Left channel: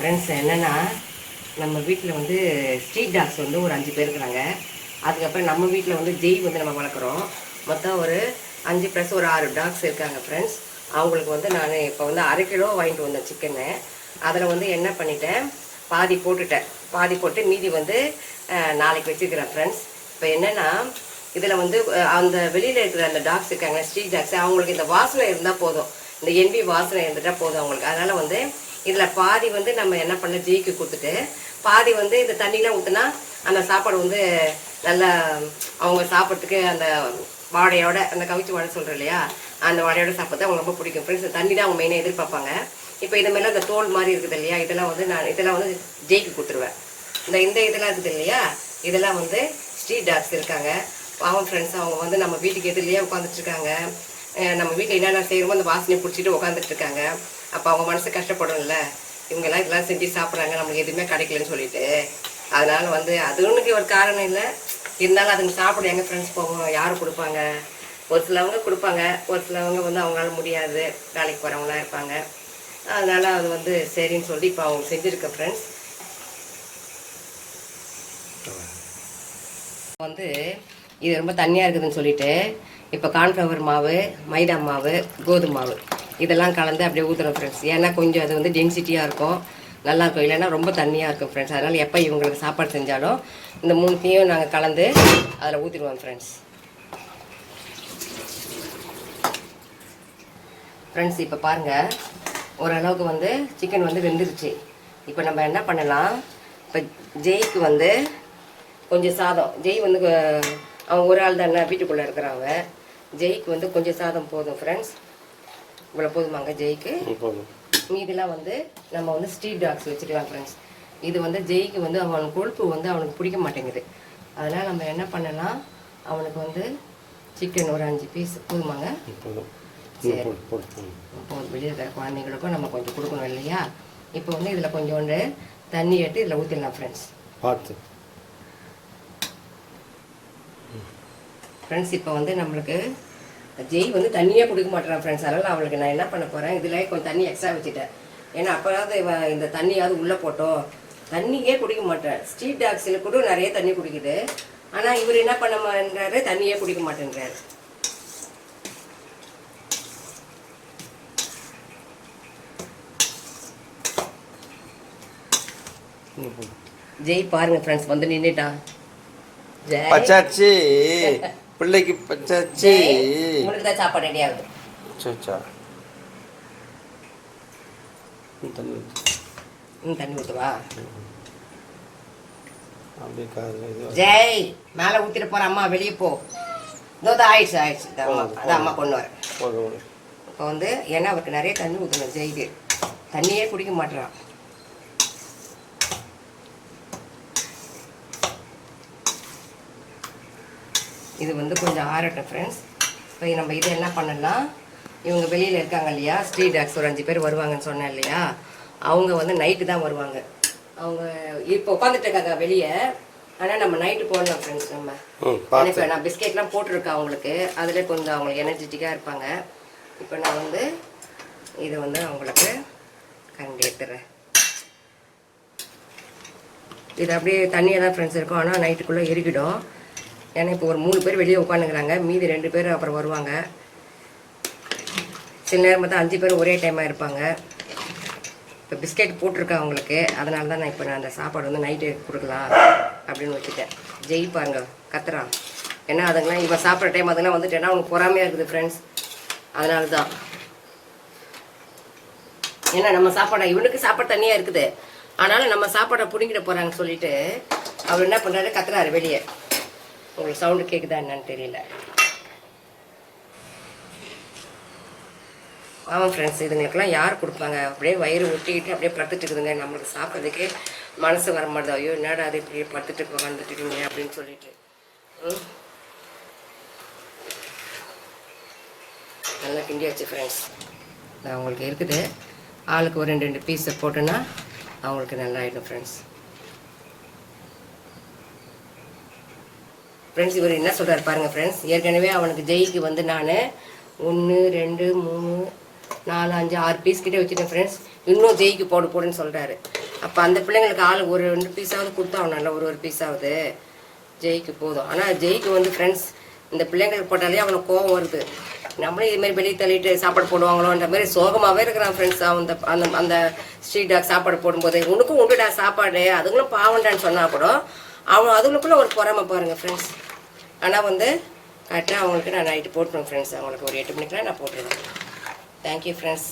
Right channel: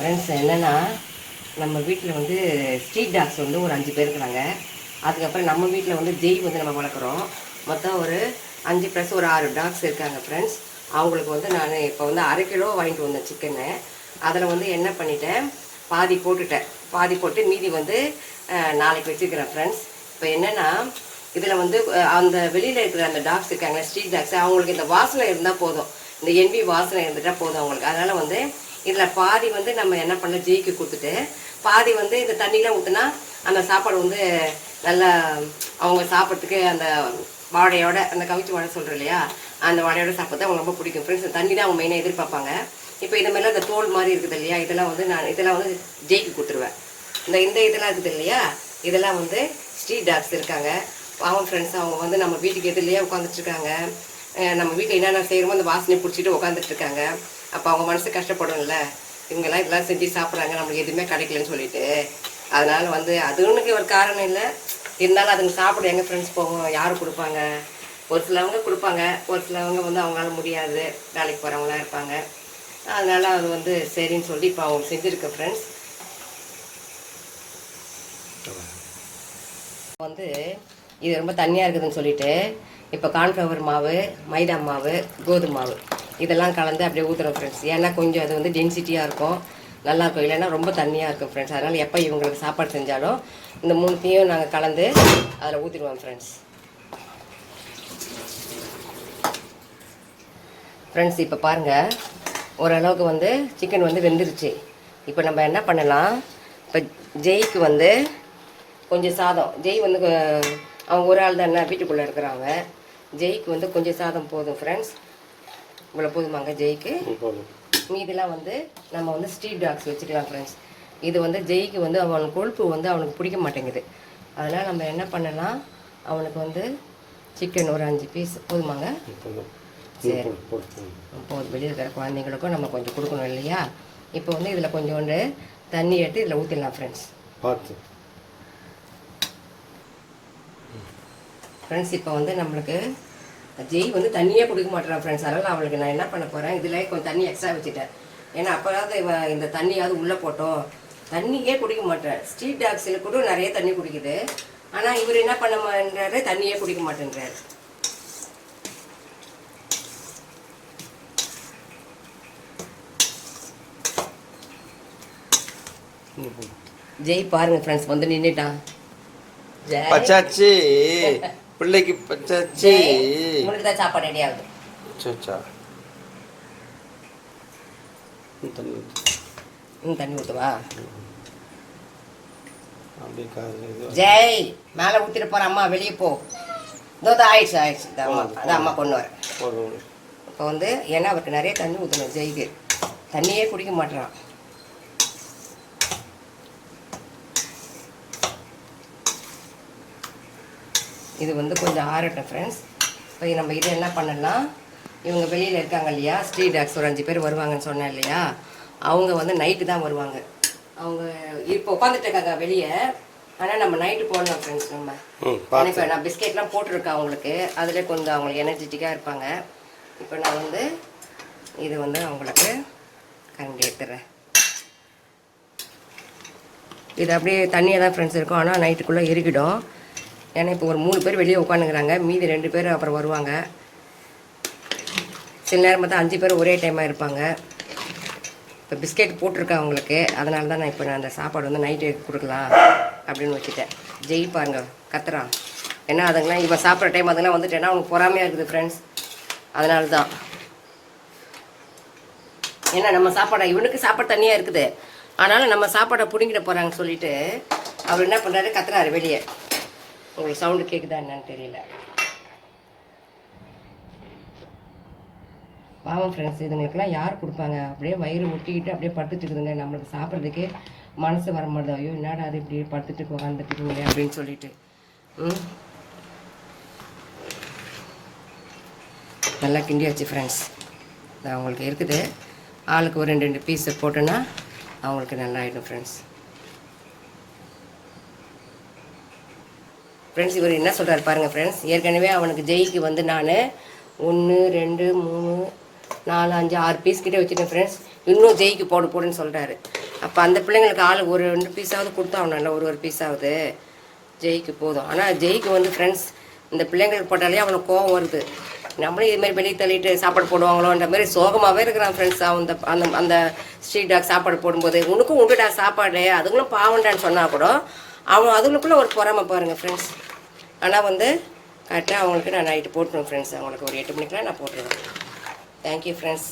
Friends என்னென்னா நம்ம வீட்டில் வந்து ஸ்ட்ரீட் டாக்ஸ் வந்து ஒரு 5 பேர் இருக்கிறாங்க. அதுக்கப்புறம் நம்ம வீட்டில் வந்து ஜெய் வந்து நம்ம வளர்க்குறோம். மொத்தம் ஒரு 5 + ஒரு 6 டாக்ஸ் இருக்காங்க ஃப்ரெண்ட்ஸ். அவங்களுக்கு வந்து நான் இப்போ வந்து 1/2 கிலோ வாங்கிட்டு வந்தேன் சிக்கனு. அதில் வந்து என்ன பண்ணிட்டேன், பாதி போட்டுட்டேன். பாதி போட்டு மீதி வந்து நாளைக்கு வச்சுருக்கிறேன் ஃப்ரெண்ட்ஸ். இப்போ என்னென்னா இதில் வந்து அந்த வெளியில் இருக்கிற அந்த டாக்ஸ் இருக்காங்க ஸ்ட்ரீட் டாக்ஸ், அவங்களுக்கு இந்த வாசனை இருந்தால் போதும், இந்த என்வி வாசனை இருந்துட்டால் போதும் அவங்களுக்கு. அதனால் வந்து இதில் பாதி வந்து நம்ம என்ன பண்ண ஜெய்க்கு கொடுத்துட்டு பாதி வந்து இந்த தண்ணிலாம் ஊற்றினா அந்த சாப்பாடு வந்து நல்லா அவங்க சாப்பிட்றதுக்கு அந்த வாழையோட அந்த கவிச்சி வாழை சொல்கிறோம் இல்லையா, அந்த வாழையோட சாப்பிட்றது அவங்க ரொம்ப பிடிக்கும் ஃப்ரெண்ட்ஸ். தண்ணி தான் அவங்க மெயினாக எதிர்பார்ப்பாங்க. இப்போ இது மாதிரிலாம் இந்த தோல் மாதிரி இருக்குது இல்லையா, இதெல்லாம் வந்து நான் இதெல்லாம் வந்து ஜெய்க்கு கொடுத்துருவேன். இந்த இதெல்லாம் இருக்குது இல்லையா, இதெல்லாம் வந்து ஸ்ட்ரீட் டாக்ஸ் இருக்காங்க. அவங்க ஃப்ரெண்ட்ஸ் அவங்க வந்து நம்ம வீட்டுக்கு எதிரிலேயே உட்காந்துட்ருக்காங்க. நம்ம வீட்டில் என்னென்ன செய்கிறோமோ அந்த வாசனையை பிடிச்சிட்டு உட்காந்துட்டு இருக்காங்க. அப்போ அவங்க மனசு கஷ்டப்படும்ல, இவங்கெல்லாம் இதெல்லாம் செஞ்சு சாப்பிட்றாங்க, நம்மளுக்கு எதுவுமே கிடைக்கலன்னு சொல்லிட்டு. அதனால வந்து அது ஒன்றுக்கு ஒரு காரணம் இல்லை, இருந்தாலும் அதுங்க சாப்பிட எங்கள் ஃப்ரெண்ட்ஸ் போவாங்க, யாரும் கொடுப்பாங்க. ஒரு சிலவங்க கொடுப்பாங்க, ஒரு சிலவங்க வந்து அவங்களால முடியாது, வேலைக்கு போகிறவங்களாம் இருப்பாங்க. அதனால அது வந்து சரின்னு சொல்லி இப்போ அவங்க செஞ்சுருக்க ஃப்ரெண்ட்ஸ். வந்து இது ரொம்ப தண்ணியாக இருக்குதுன்னு சொல்லிட்டு இப்போ கார்ன்ஃப்ளவர் மாவு, மைதா மாவு, கோதுமை மாவு இதெல்லாம் கலந்து அப்படியே ஊற்றுறோம் ஃப்ரெண்ட்ஸ். ஏன்னா கொஞ்சம் அது வந்து டென்சிட்டியாக இருக்கும், நல்லாயிருக்கும். இல்லைன்னா ரொம்ப தண்ணியாக இருக்கும் ஃப்ரெண்ட்ஸ். அதனால் எப்போ இவங்களுக்கு சாப்பாடு செஞ்சாலும் இந்த 3த்தையும் நாங்கள் கலந்து அதில் ஊற்றிடுவோம் ஃப்ரெண்ட்ஸ். ஃப்ரெண்ட்ஸ் இப்போ பாருங்கள், ஓரளவுக்கு வந்து சிக்கன் வந்து வெந்துருச்சு. இப்போ நம்ம என்ன பண்ணலாம், இப்போ ஜெய்க்கு வந்து கொஞ்சம் சாதம், ஜெய் வந்து அவங்க ஒரு ஆள் தானே வீட்டுக்குள்ளே இருக்கிறாங்க. ஜெய்க்கு வந்து கொஞ்சம் சாதம் போதும் ஃப்ரெண்ட்ஸ். இவ்வளோ போதுமாங்க ஜெய்க்கு. மீதெல்லாம் வந்து நம்ம வந்து ஸ்ட்ரீட் டாக்ஸ் வச்சுக்கலாம் ஃப்ரெண்ட்ஸ். இது வந்து ஜெய்க்கு வந்து அவனுக்கு கொழுப்பு வந்து அவனுக்கு பிடிக்க மாட்டேங்குது. அதனால் நம்ம என்ன பண்ணலாம், அவனுக்கு வந்து சிக்கன் ஒரு 5 பீஸ் போதுமாங்க. சரி, இப்போ வெளியில் இருக்கிற குழந்தைங்களுக்கும் நம்ம கொஞ்சம் கொடுக்கணும் இல்லையா. இப்போ வந்து இதில் கொஞ்சோண்டு தண்ணி எடுத்து இதில் ஊற்றிடலாம் ஃப்ரெண்ட்ஸ். ஃப்ரெண்ட்ஸ் இப்போ வந்து நம்மளுக்கு ஜெய் வந்து தண்ணியே குடிக்க மாட்டேறான் ஃப்ரெண்ட்ஸ். அதனால் அவளுக்கு நான் என்ன பண்ண போகிறேன், இதில் கொஞ்சம் தண்ணி எக்ஸ்ட்ரா வச்சுட்டேன். ஏன்னா அப்போதாவது இந்த தண்ணியாவது உள்ளே போட்டோம், தண்ணியே குடிக்க மாட்டேன். ஸ்ட்ரீட் டாக்ஸில் கூட நிறைய தண்ணி குடிக்குது, ஆனால் இவர் என்ன பண்ண மாட்டேன்றாரு, தண்ணியே குடிக்க மாட்டேன்றாரு. ஜெய் பாருங்க ஃப்ரெண்ட்ஸ் வந்து நின்றுட்டான். பச்சாச்சி பிள்ளைக்கு பச்சாச்சி உங்களுக்கு தான் சாப்பாடு ரெடி ஆகுது. தண்ணி ஊற்றுவா. ஜெய் மேலே ஊற்றிட்டு போகிற அம்மா வெளியே போ. ஆயிடுச்சு அம்மா கொண்டு வரேன். இப்போ வந்து ஏன்னா அவருக்கு நிறைய தண்ணி ஊற்றணும் ஜெய்க்கு, தண்ணியே குடிக்க மாட்டேறான். இது வந்து கொஞ்சம் ஆறட்டும் ஃப்ரெண்ட்ஸ். இப்போ நம்ம இதை என்ன பண்ணலாம், இவங்க வெளியில் இருக்காங்க இல்லையா ஸ்ட்ரீட் டாக்ஸ் ஒரு 5 பேர் வருவாங்கன்னு சொன்னேன் இல்லையா, அவங்க வந்து நைட்டு தான் வருவாங்க. அவங்க இப்போ உட்காந்துட்டு இருக்காங்க வெளியே, ஆனால் நம்ம நைட்டு போடலாம் ஃப்ரெண்ட்ஸ். நம்ம இப்போ நான் பிஸ்கெட்லாம் போட்டிருக்கேன் அவங்களுக்கு, அதில் கொஞ்சம் அவங்களுக்கு எனர்ஜெட்டிக்காக இருப்பாங்க. இப்போ நான் வந்து இதை வந்து அவங்களுக்கு கரண்டி எடுத்துடுறேன். இது அப்படியே தண்ணியாக தான் ஃப்ரெண்ட்ஸ் இருக்கும், ஆனால் நைட்டுக்குள்ளே எரிக்கிடும். ஏன்னா இப்போ ஒரு 3 பேர் வெளியே உட்காந்துக்கிறாங்க, மீதி 2 பேர் அப்புறம் வருவாங்க. சில நேரம் பார்த்தா 5 பேர் ஒரே டைமாக இருப்பாங்க. இப்போ பிஸ்கெட் போட்டிருக்கேன் அவங்களுக்கு, அதனால தான் நான் இப்போ அந்த சாப்பாடு வந்து நைட்டு கொடுக்கலாம் அப்படின்னு வச்சுட்டேன். ஜெய் பாருங்க கத்துறான், ஏன்னா அதுங்களாம் இவன் சாப்பிட்ற டைம் அதெல்லாம் வந்துட்டேன்னா அவங்க பொறாமையாக இருக்குது ஃப்ரெண்ட்ஸ். அதனால தான், ஏன்னா நம்ம சாப்பாடை இவனுக்கு சாப்பாடு தனியாக இருக்குது, ஆனாலும் நம்ம சாப்பாடை பிடிங்கிட போகிறாங்கன்னு சொல்லிட்டு அவர் என்ன பண்ணுறாரு, கத்துறாரு வெளியே. உங்களுக்கு சவுண்டு கேட்குதா என்னன்னு தெரியல. ஆமாம் ஃப்ரெண்ட்ஸ், இதுங்களுக்கெல்லாம் யார் கொடுப்பாங்க, அப்படியே வயிறு ஒட்டிக்கிட்டு அப்படியே படுத்துட்டு இருக்குதுங்க. நம்மளுக்கு சாப்பிட்றதுக்கே மனசு வர மாட்டேது. ஐயோ என்னடா அது இப்படியே படுத்துட்டு உட்காந்துட்டு இருக்கீங்க அப்படின்னு சொல்லிட்டு. நல்லா கிண்டி வச்சு ஃப்ரெண்ட்ஸ். நான் அவங்களுக்கு இருக்குது, ஆளுக்கு ஒரு 2 பீஸ் போட்டோன்னா அவங்களுக்கு நல்லா ஆகிடும் ஃப்ரெண்ட்ஸ். ஃப்ரெண்ட்ஸ் இவர் என்ன சொல்கிறாரு பாருங்கள் ஃப்ரெண்ட்ஸ். ஏற்கனவே அவனுக்கு ஜெய்க்கு வந்து நான் 1 2 3 4 5 6 பீஸ் கிட்டே வச்சுட்டேன் ஃப்ரெண்ட்ஸ். இன்னும் ஜெய்க்கு போடுன்னு சொல்கிறாரு. அப்போ அந்த பிள்ளைங்களுக்கு ஆள் ஒரு 2 பீஸாவது கொடுத்தாகணும்ல, ஒரு பீஸாவது ஜெய்க்கு போதும். ஆனால் ஜெய்க்கு வந்து ஃப்ரெண்ட்ஸ் இந்த பிள்ளைங்களுக்கு போட்டாலே அவனுக்கு கோவம் வருது. நம்மளும் இதுமாதிரி வெளியே தள்ளிட்டு சாப்பாடு போடுவாங்களோன்ற மாதிரி சோகமாகவே இருக்கிறான் ஃப்ரெண்ட்ஸ். அந்த அந்த அந்த ஸ்ட்ரீட் டாக் சாப்பாடு போடும்போது உனக்கும் உண்டுடா சாப்பாடு, அதுங்களும் பாவண்டான்னு சொன்னால் கூட அவன் அதுங்களுக்குள்ள ஒரு பொறாமை பாருங்கள் ஃப்ரெண்ட்ஸ். ஆனால் வந்து கரெக்டாக அவங்களுக்கு நான் நைட்டு போட்டுருவேன் ஃப்ரெண்ட்ஸ். அவங்களுக்கு ஒரு 8 மணிக்கெலாம் நான் போட்டுருவேன். Thank you friends.